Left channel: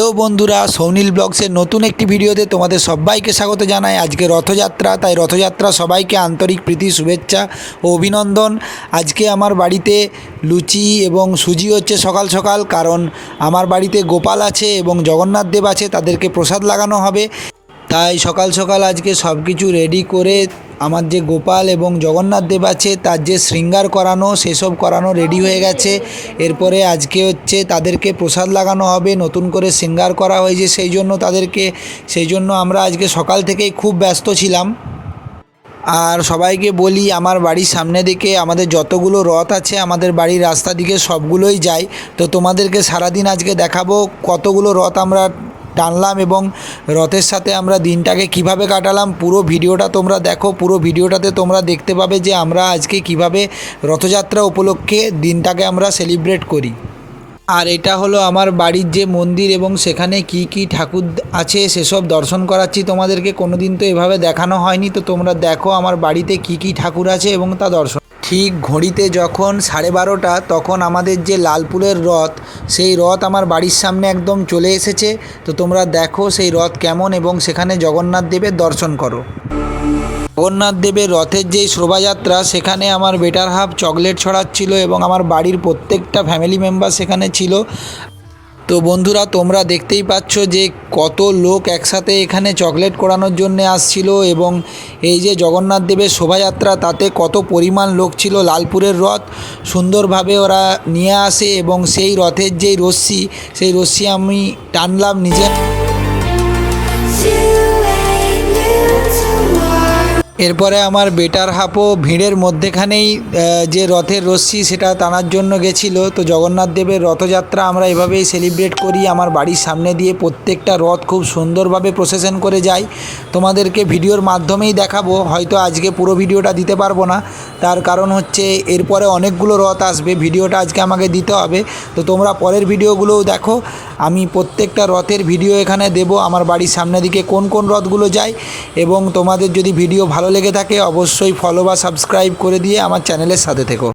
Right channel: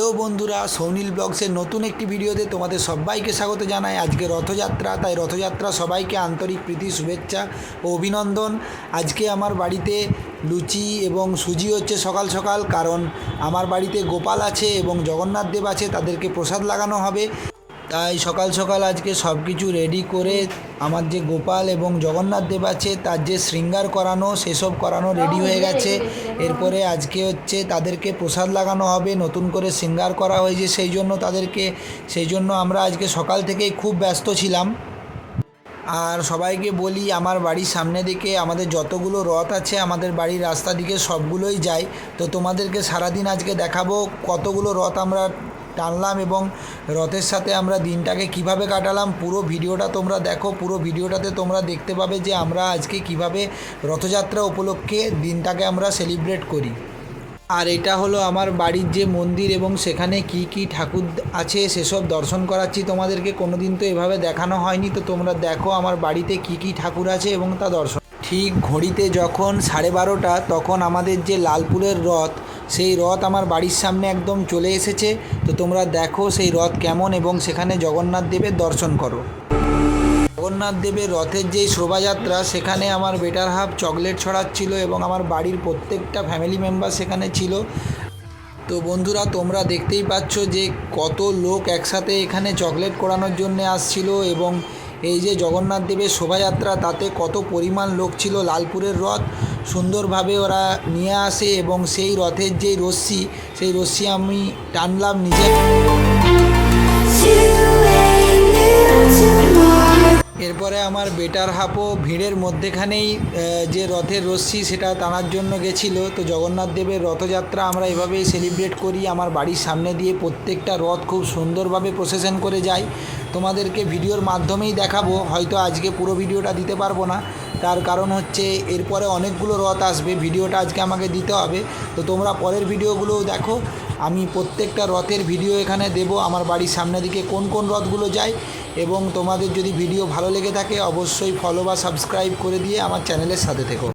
Hello বন্ধুরা, সৌনীল ব্লগসের নতুন একটি ভিডিওতে তোমাদের সবাইকে স্বাগত জানাই। আজকে রথযাত্রা, তাই রথযাত্রা সবাইকে আন্তরিক প্রীতি, শুভেচ্ছা ও অভিনন্দন। আজকে আমার বাড়িতে লুচি এবং সুজি হচ্ছে সকাল সকাল, কারণ আমার বাড়িতে গোপাল আছে এবং জগন্নাথ দেব আছে, তাদেরকে প্রসাদ লাগানো হবে। তাই সকাল সকাল আজকে সব কিছু রেডি করে আমার যে গোপাল এবং জগন্নাথ দেব আছে তার যে শৃঙ্গার করানো সেসব করানো রেডি হয়ে গেছে। এরপরে আজকে হচ্ছে তাদেরকে প্রসাদ লাগানো হবে, নতুন করে শৃঙ্গার করা হয়েছে সেই জন্য আমরা আজকে সকাল থেকেই খুব ব্যস্ত ছিলাম। আর সবাইকে বলি, আমার বাড়ির সামনে দিকে আমাদের যতগুলো রথ আছে আমাদের বাড়ির রাস্তা দিকে সবগুলোই যায়। তো তোমাদেরকে সারাদিন আজকে দেখাবো কতগুলো রথ আমরা টানলাম এবং রথের সাথে আমরা দিনটাকে কিভাবে কাটালাম। পুরো ভিডিওটা তোমরা দেখো, পুরো ভিডিওটাতে তোমরা দেখতে পাবে যে আমরা আজকে কিভাবে রথযাত্রা উপলক্ষে দিনটাকে আমরা সেলিব্রেট করি। আর এটা হলো আমার বাড়ির যে মন্দির এবং সেখানে কি কি ঠাকুর আছে সেসব দর্শন করাচ্ছি তোমাদেরকে। কোনো দিন তো এভাবে দেখানো হয়নি, তো তোমরা দেখো আমার বাড়িতে কি কি ঠাকুর আছে এবং তা দর্শন। ঠিক ঘড়িতে যখন 12:30 তখন আমাদের যে লালপুরের রথ, সেই রথ আমার বাড়ির সামনে একদম চলে এসেছে। তো তোমরা দেখো সেই রথ কেমন এবং সেখানে জগন্নাথ দেবের দর্শন করো। জগন্নাথ দেবের রথের যেই শোভাযাত্রা, সেখানে আমার বেটার হাফ চকলেট ছড়াচ্ছিল এবং আমার বাড়ির প্রত্যেকটা ফ্যামিলি মেম্বার সেখানে ছিল। তো বন্ধুরা, তোমরা দেখতেই পাচ্ছ যে কত লোক একসাথে এখানে চকলেট কোড়ানোর জন্য আসছিল এবং এই যে জগন্নাথ দেবের শোভাযাত্রা, তাতে কত পরিমাণ লোক ছিল। লালপুরের রথ সুন্দরভাবে ওরা নিয়ে আসে এবং সেই রথের যেই রশ্মি, সেই রশ্মি আমি টানলাম নিজে। এরপরে আমার বেটার হাফও ভিড়ের মধ্যেখানেই যে রথের রশ্মি সেটা টানার জন্য গেছিলো। তো জগন্নাথ দেবের রথযাত্রা আমরা এভাবেই সেলিব্রেট করি। আমার বাড়ির সামনে দিয়ে প্রত্যেকটা রথ খুব সুন্দরভাবে প্রসেশন করে যায়। তোমাদেরকে ভিডিওর মাধ্যমেই দেখাবো, হয়তো আজকে পুরো ভিডিওটা দিতে পারবো না, তার কারণ হচ্ছে এরপরে অনেকগুলো রথ আসবে, ভিডিওটা আজকে আমাকে দিতে হবে। তো তোমরা পরের ভিডিওগুলোও দেখো, আমি প্রত্যেকটা রথের ভিডিও এখানে দেব, আমার বাড়ির সামনে দিকে কোন কোন রথগুলো যায়। এবং তোমাদের যদি ভিডিও ভালো লেগে থাকে অবশ্যই ফলো বা সাবস্ক্রাইব করে দিয়ে আমার চ্যানেলের সাথে থেকো।